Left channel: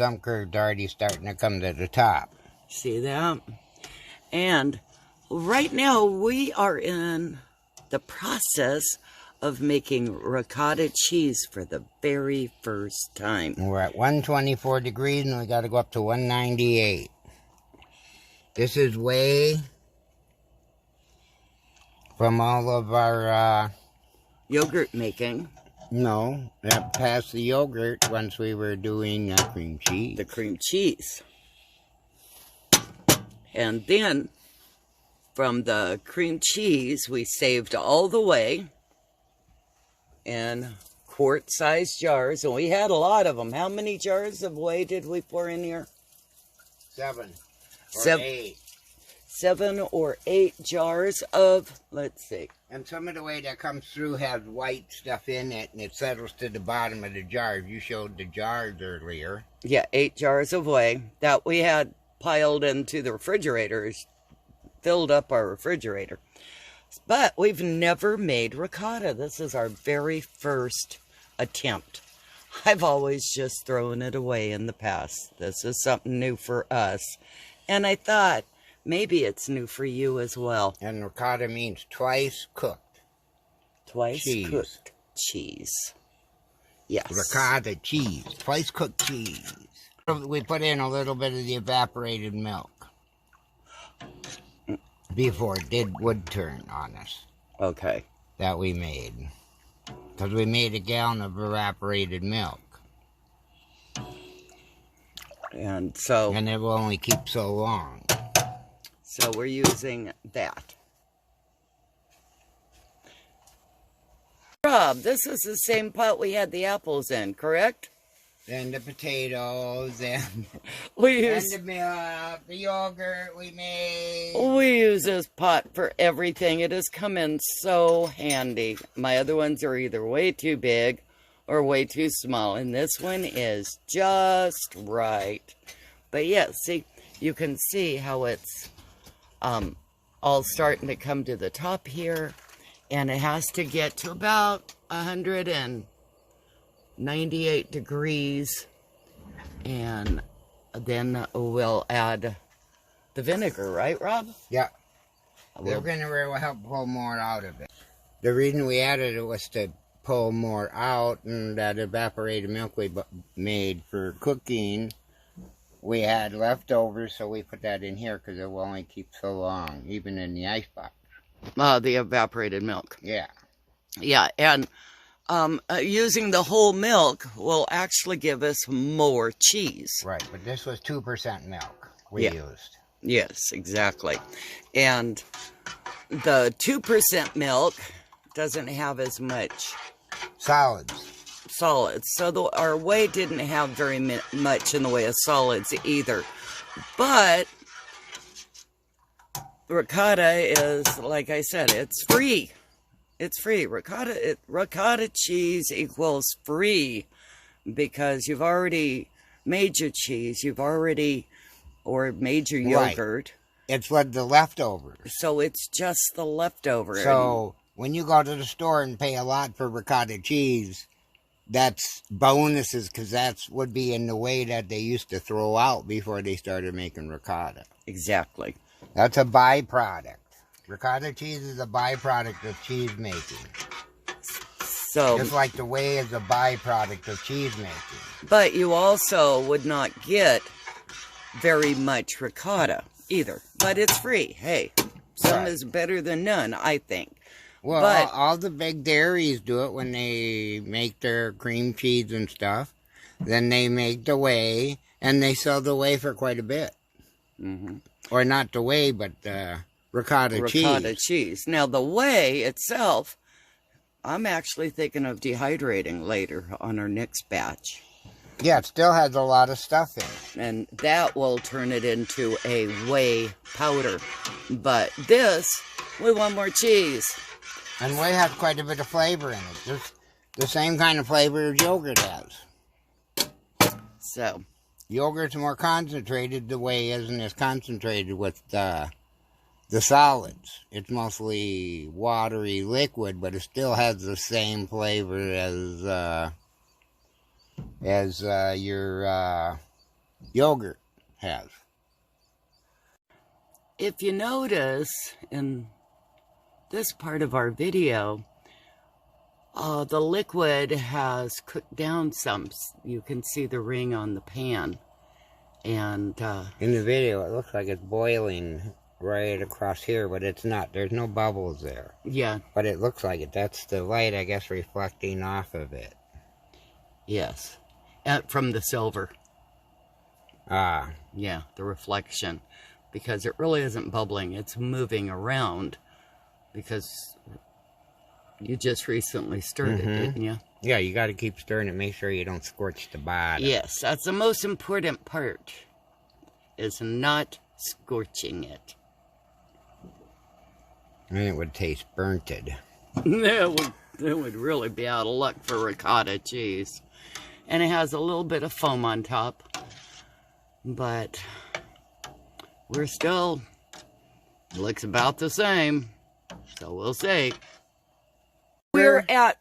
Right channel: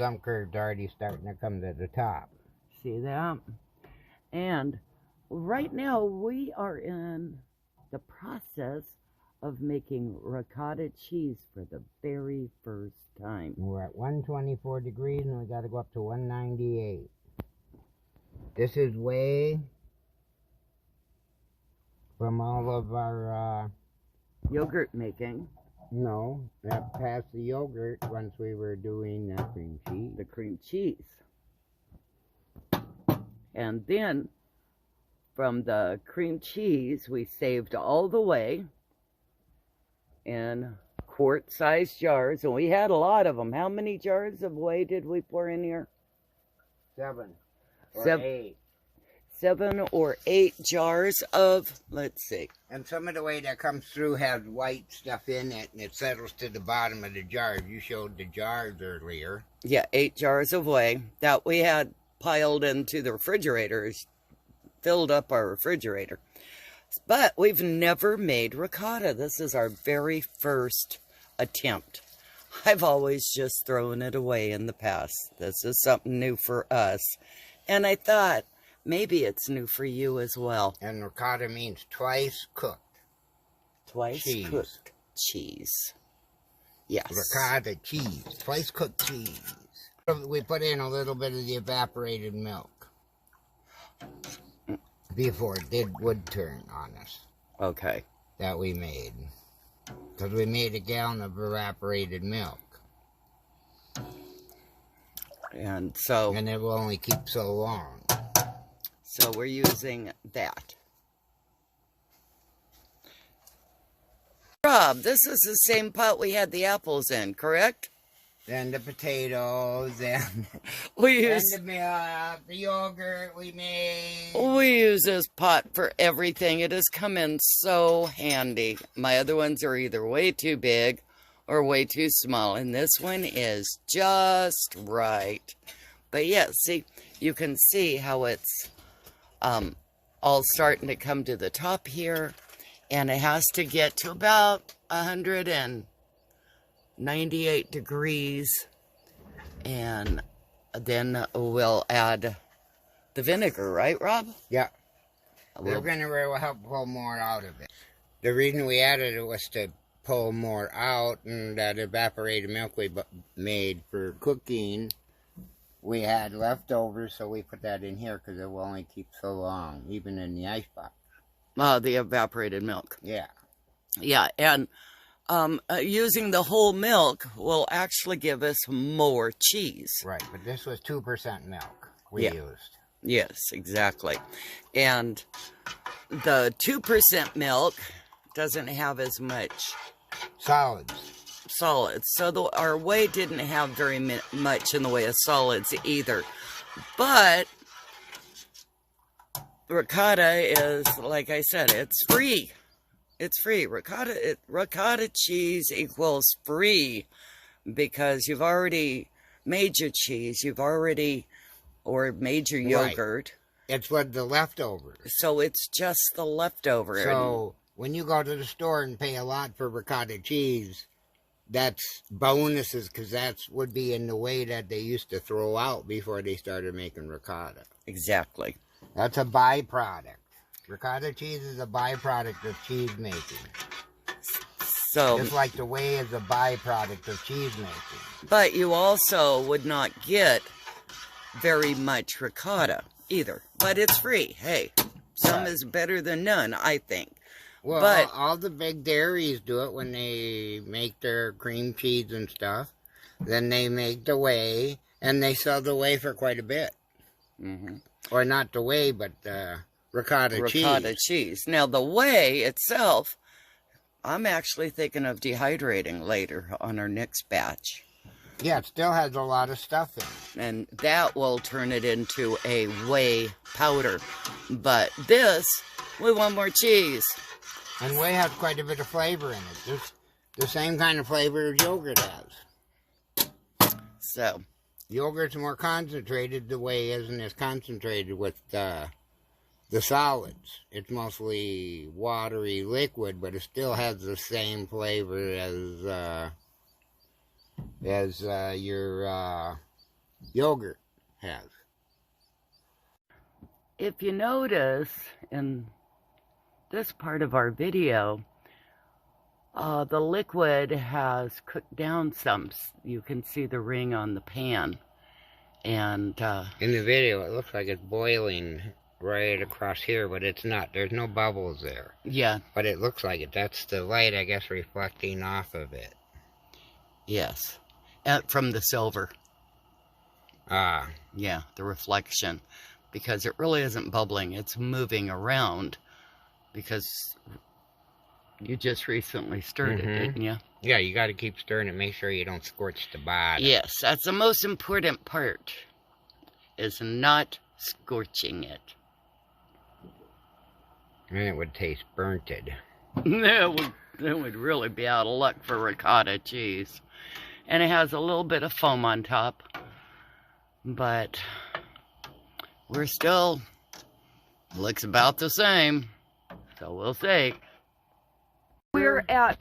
some curds already starting to come to the top. See that? And right now we are in the process of making ricotta cheese for the very first time. We're at 124 degrees and we got to go up to 198. This is whey from all of our Yogurt making. No, that passed the yogurt once we were doing cream cheese. The cream cheese. And then from the cream cheese, we saved all the whey in quart-sized jars. And we had a lot of them. How many jars of whey did we pour in here? 7 or 8. 7 or 8 jars of, let's see. And some of the whey that comes through has white stuff in it, and it settles to the bottom of the jar. You showed the jars earlier. Yeah, 8 jars of whey that we had piled into the refrigerator, filled up our refrigerator. But we've never made ricotta. This is our very first attempt. I've always just thrown it away in the past. This is something new for us. And I thought, maybe it's new for you as well. And ricotta means twice cooked. Twice cheese. Cooked cheese. Yes. Ricotta cheese. Twice cooked cheese. We put in a little bit of the evaporated milk before it would turn on us. Okay. That we made. Because we made a gallon of evaporated milk. And so... And it will only keep so long. So we're using that. Rob, this is the same pot we had the apples in, correct? Then the potatoes, and the milk, the yogurt we made. We use this pot for everything. It has come in so handy. My other ones are either way too big or way too small. And this one is just right. But yeah, see, you can see how it's all starting to come to the top here. And it has to get to about 198 degrees. And then we'll add the vinegar, right, Rob? Yeah. The vinegar will help pull more out of it. The reason we added it was to pull more out, and that evaporated milk we made for cooking, we had leftovers, so we put that in here because it will only keep so long, even in the icebox. The evaporated milk. Yeah. Yeah, and using the whole milk will actually give us more cheese. Right, but this was 2% milk we used. Yes, exactly. And the 2% milk doesn't have as much solids. So our whey didn't have very much in the way of solids either. But ricotta is, like I said, it's free. It's free. Ricotta cheese equals free because you've already made your cheese. Or made your yogurt. Right. It's what the leftovers. So it's just the leftover. So when you go to the store and pay a lot for ricotta cheese, that's bonuses because would be in the way that they used to throw out before they started making ricotta. Exactly. That's a byproduct. Ricotta cheese is a byproduct of cheese making. So, just like the whey is a byproduct of cheese making. But you also would not get very much ricotta either. But it's free. Hey, some is better than none, I think. Well, but all the big dairies do it when they make their cream cheese and stuff. Then they make the whey, and they sell the whey for quite a bit. Mm-hmm. Or not the whey, but the ricotta cheese. Now, the whey itself, I'm actually thinking of dehydrating later on our next batch. Yeah, it still has a lot of stuff in it. And that will turn it into a whey powder. But this, we want more cheese. And whey has quite a bit of flavor in it. Just the same kind of flavor as yogurt has. So, yogurt's more concentrated. The whey isn't as concentrated with the solids. It's mostly watery liquid, but it still has the same flavor as your yogurt has. If you notice in this part of our video, the liquid has cooked down some. You can see the ring on the pan. And in the video, it looks like it's boiling right across here, but it's not. There's no bubbles there. Yeah. But it looks like it. That's the light, I guess, reflecting off of it. Yes. From the silver. Ah. Yeah, the reflection. Because it really isn't bubbling. It's moving around. Because you just recently stirred it, didn't you? Yeah, you got to keep stirring it. Make sure you don't scorch the bottom. Yes, that's the most important part. Is not scorching it. And it would taste burnted. It would really be out of luck for ricotta cheese. And it has a little bit of foam on top. But we're still, looks about the same. So we'll see. We're at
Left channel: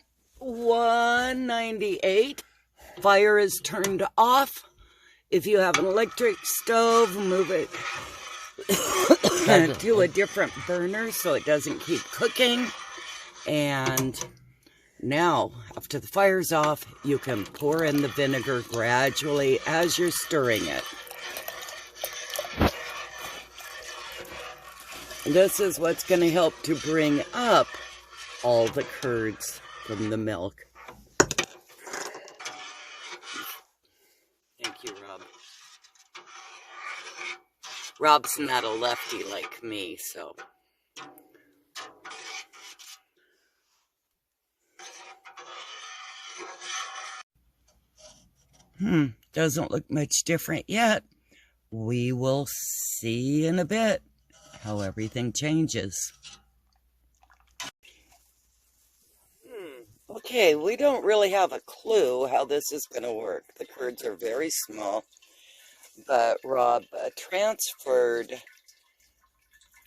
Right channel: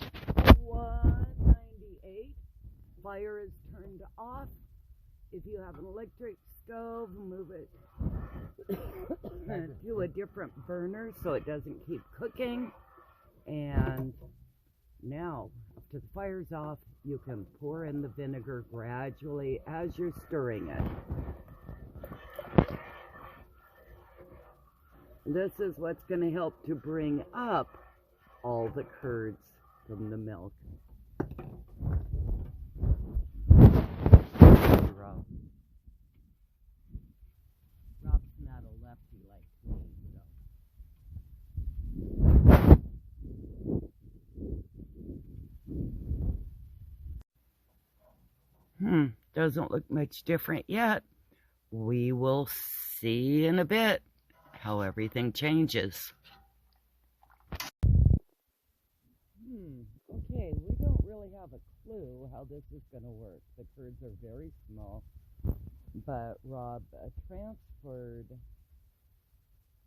198. Fire is turned off. If you have an electric stove, move it to a different burner so it doesn't keep cooking. And now, after the fire's off, you can pour in the vinegar gradually as you're stirring it. This is what's going to help to bring up all the curds from the milk. Thank you, Rob. Rob's not a lefty like me, so. Doesn't look much different yet. We will see in a bit how everything changes. Okay, we don't really have a clue how this is going to work. The curds are very small, but Rob transferred,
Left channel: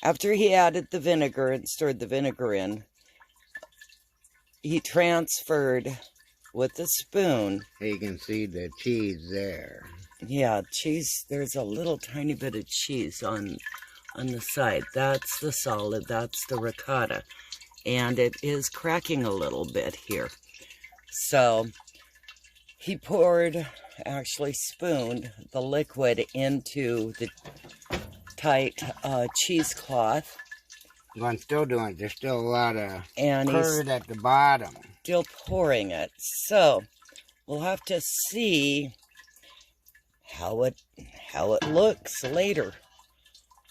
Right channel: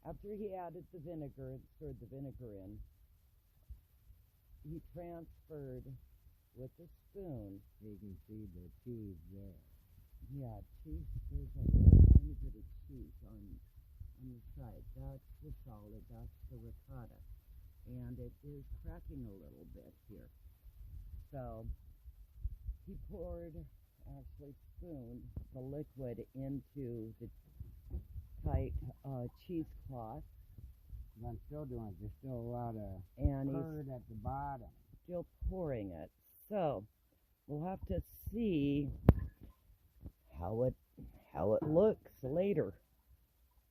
after he added the vinegar and stirred the vinegar in, he transferred with a spoon. You can see the cheese there. Yeah, cheese, there's a little tiny bit of cheese on the side. That's the solid, that's the ricotta. And it is cracking a little bit here. So he poured, actually spooned the liquid into the tight cheesecloth. Well, I'm still doing it. There's still a lot of and curd at the bottom. Still pouring it. So we'll have to see how it looks later.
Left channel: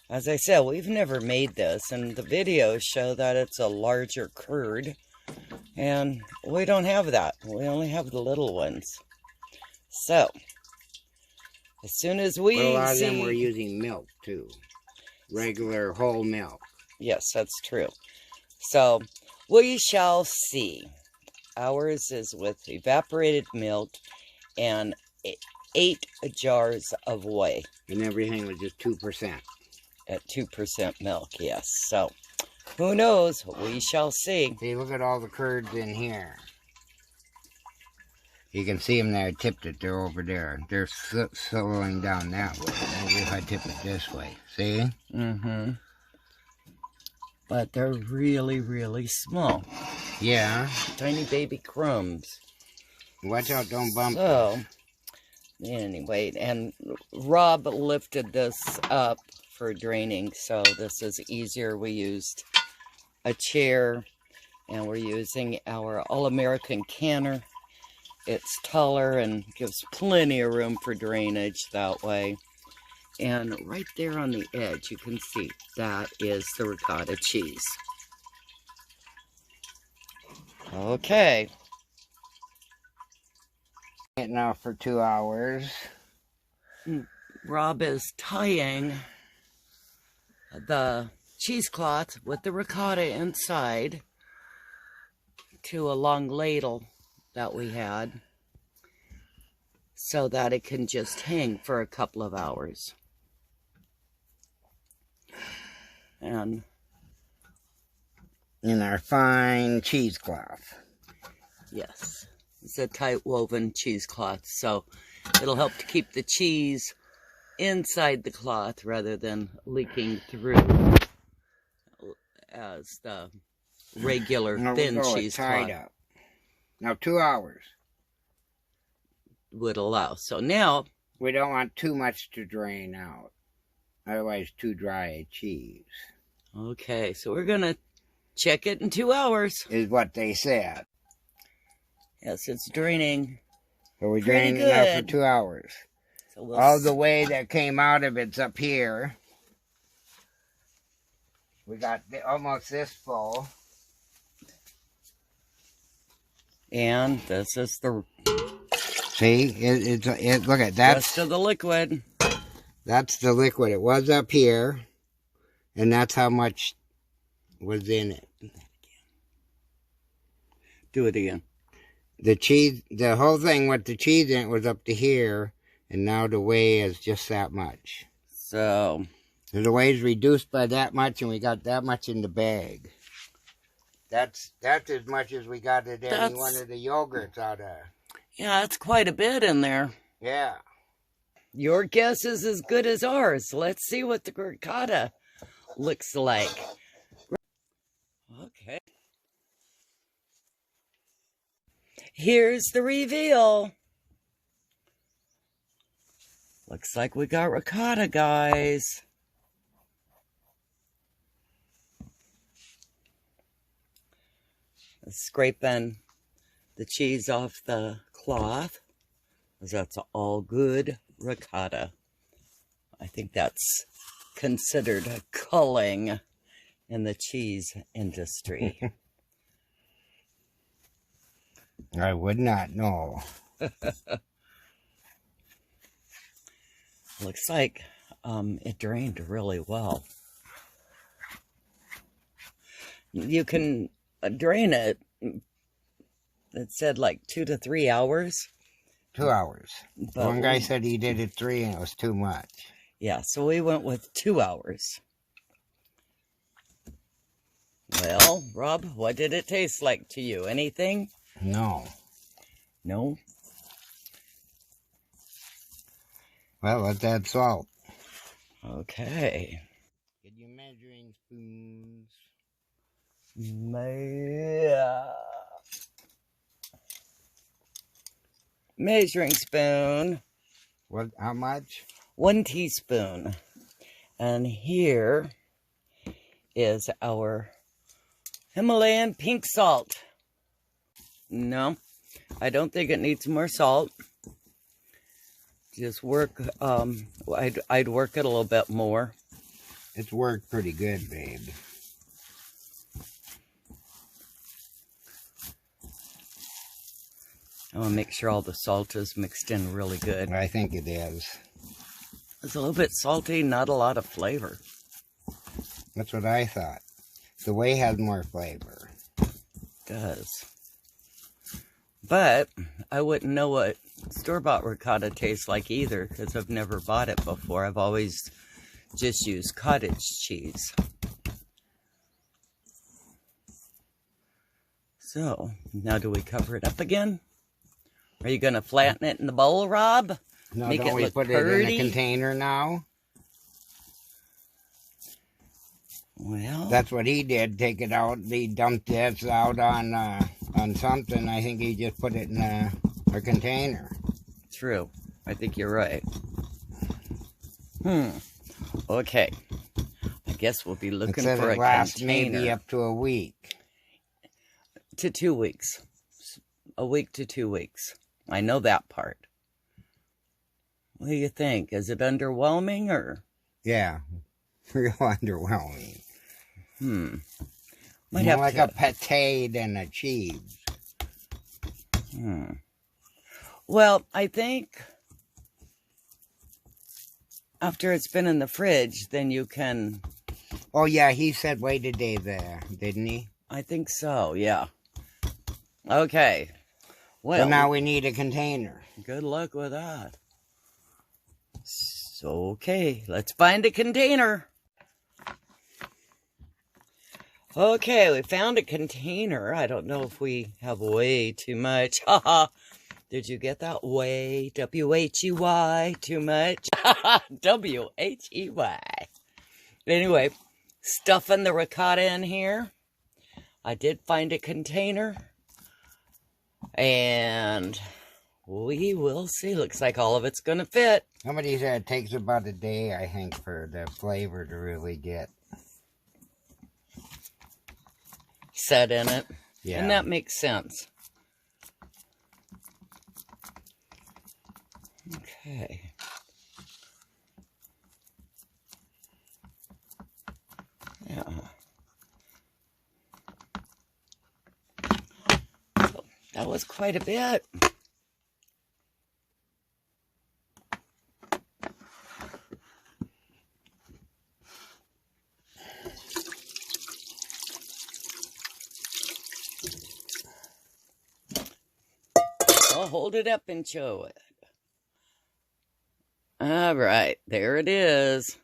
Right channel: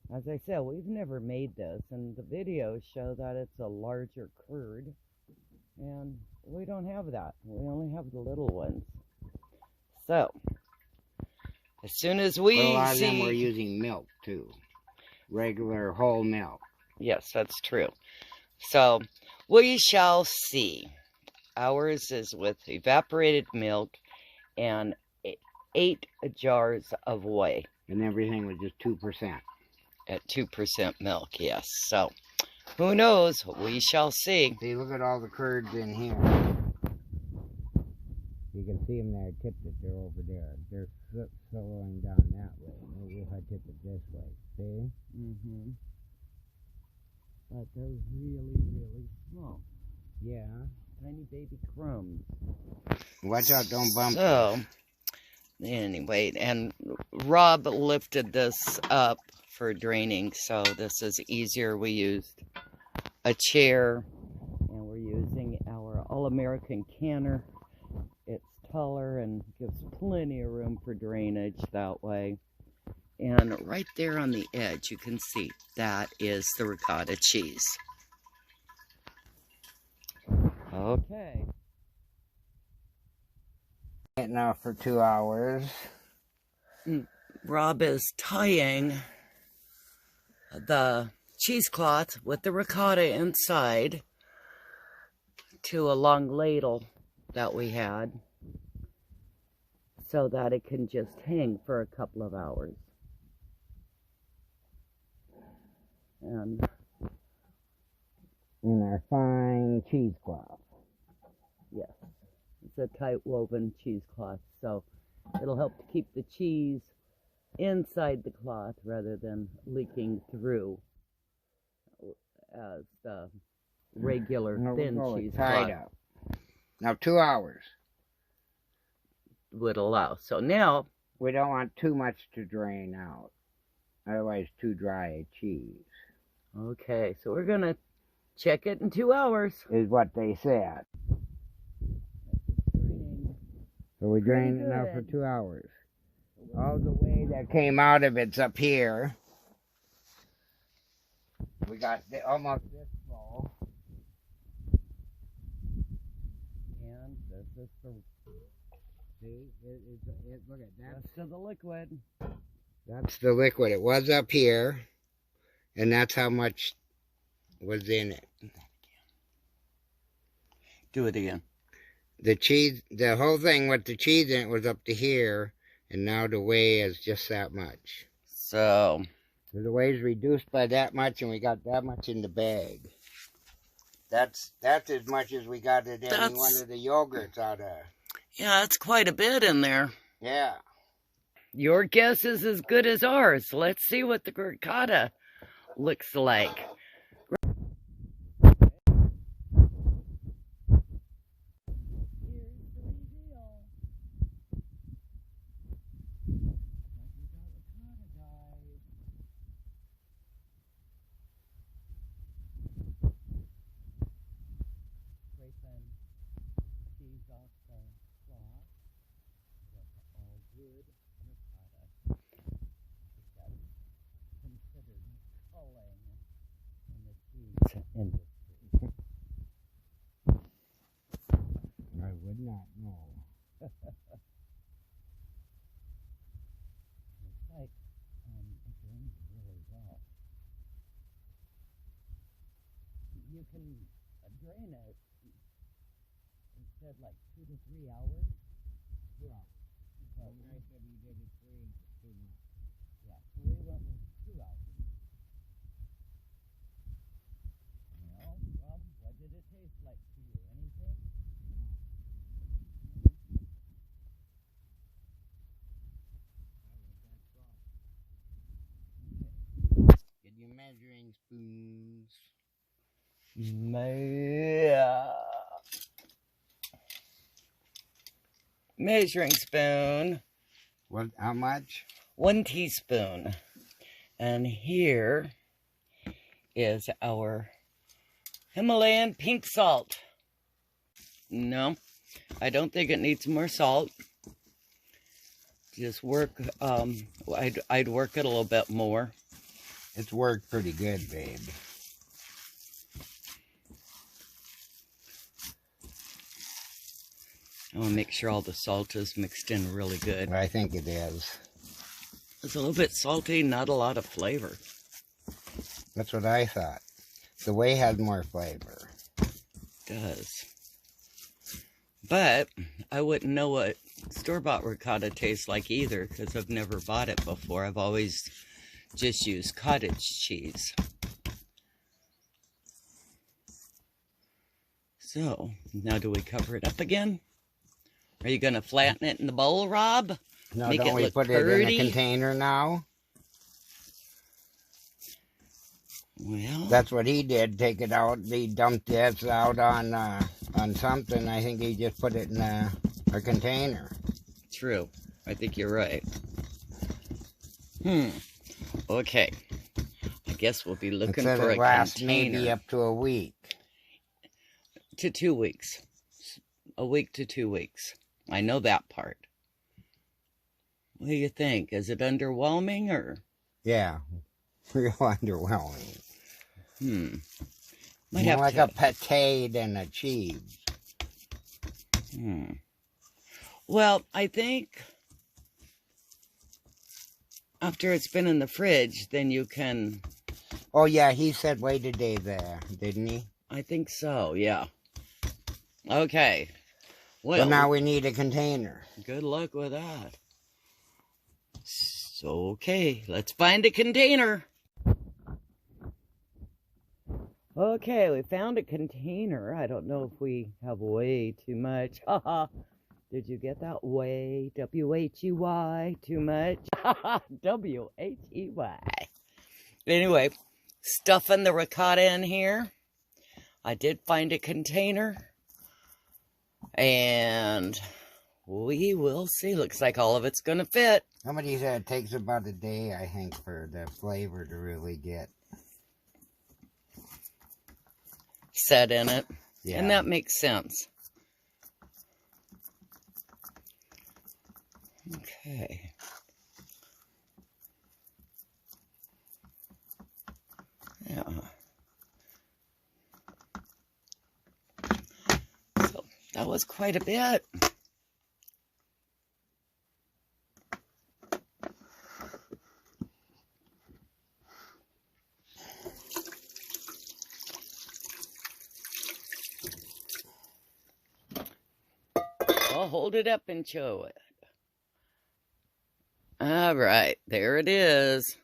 As I said, we've never made this, and the videos show that it's a larger curd, and we don't have that. We only have the little ones. So, as soon as we see... Well, a lot of them we're using milk, too. Regular whole milk. Yes, that's true. So, we shall see. Ours is with evaporated milk and 8 jars of whey. And everything was just 2%. At 2% milk, yes. So, who knows? We shall see. See, look at all the curds in here. You can see them there. I tipped it. They're over there. They're slowing down that way. Maybe if I tip it this way. See? Mm-hmm. But they're really, really small. Yeah. Tiny baby crumbs. Watch out, don't bump. So, anyway, and Rob lifted this up for draining, so this is easier. We used a chair, and we're using our All-American canner. It's taller and gives plenty of room for drainage that way. And right there on the edge, you can see that is the ricotta cheese. Okay. Now for 2 hours. Rob is tying the cheesecloth with the ricotta inside to a long ladle that we had so that it can just hang for a couple of hours. And in our fine cheesecloth. yes, it's a tight woven cheesecloth, so it'll help to keep the cheese inside the cloth rather than leaking through as the regular thin cheesecloth up. Now 2 hours would allow. So now we don't want too much to drain out, otherwise too dry a cheese. Okay, so we're gonna check it in 2 hours. Is what they said. Yes, it's draining. So we drained it now for 2 hours. So all the whey that came out of it's up here. We got almost this full. And this is the... See, look at that. Rest of the liquid. That's the liquid. It was up here, and that's how much was in it. Do it again. The cheese, the whole thing with the cheese in it was up to here, and now the whey is just that much. So the whey is reduced by that much, and we got that much in the bag. That's as much as we got at any one of the yogurts out of. Yeah, that's quite a bit in there. Yeah. Your guess is as good as ours. Let's see what the ricotta looks like. Okay. Here's the reveal. Looks like we got ricotta, guys. Scraping the cheese off the cloth, because that's all good ricotta. I think that's considered a culling in the cheese industry. I would not know. Looks like it drained really well. You can drain it. It said like 2 to 3 hours. 2 hours. But one guy said he did it 3 and it was too much. Yeah, so we went with 2 hours. Well, Rob, what did it taste like to you? Anything? No. No? Well, let's add salt. Okay. Get your measuring spoons. Measuring spoon. What? How much? 1 teaspoon. And here is our Himalayan pink salt. No, I don't think it needs more salt. Just work, I'd work it a little bit more. It's worked pretty good, babe. I want to make sure all the salt is mixed in really good. I think it is. It's a little bit salty, not a lot of flavor. That's what I thought. The whey has more flavor. It does. But I wouldn't know what store-bought ricotta tastes like either, because I've never bought it before. I've always just used cottage cheese. So, now do we cover it up again? Are you going to flatten it in the bowl, Rob? No, Make don't it we look put pretty? it in a container now? Well, that's what he did. Take it out. He dumped this out on something. I think he just put it in a container. True. I think you're right. Okay. I guess we'll be looking for a container. Maybe up to a week. To 2 weeks. A week to 2 weeks. I know that part. What do you think? Is it underwhelming or? Yeah. Real underwhelming. Might have like a pate than a cheese. Well, I think after it's been in the fridge, then you can... Oh, yeah, he said wait a day there, didn't he? I think so, yeah. Okay. Well, so now we need a container. Good luck with that. So, okay, let's find a container. Okay, we found a container. I don't know if we have way too much. Haha. Did you get that? Whey, W-H-E-Y, too much? W-H-E-Y. Anyway, stuffing the ricotta in here. I did find a container. And we will see. Looks like all of it's going to fit. Somebody said it takes about a day, I think, for the flavor to really get set in it. Yeah. And that makes sense. Okay. Yeah. So that was quite a bit. I'll hold it up and show it. All right, there it is.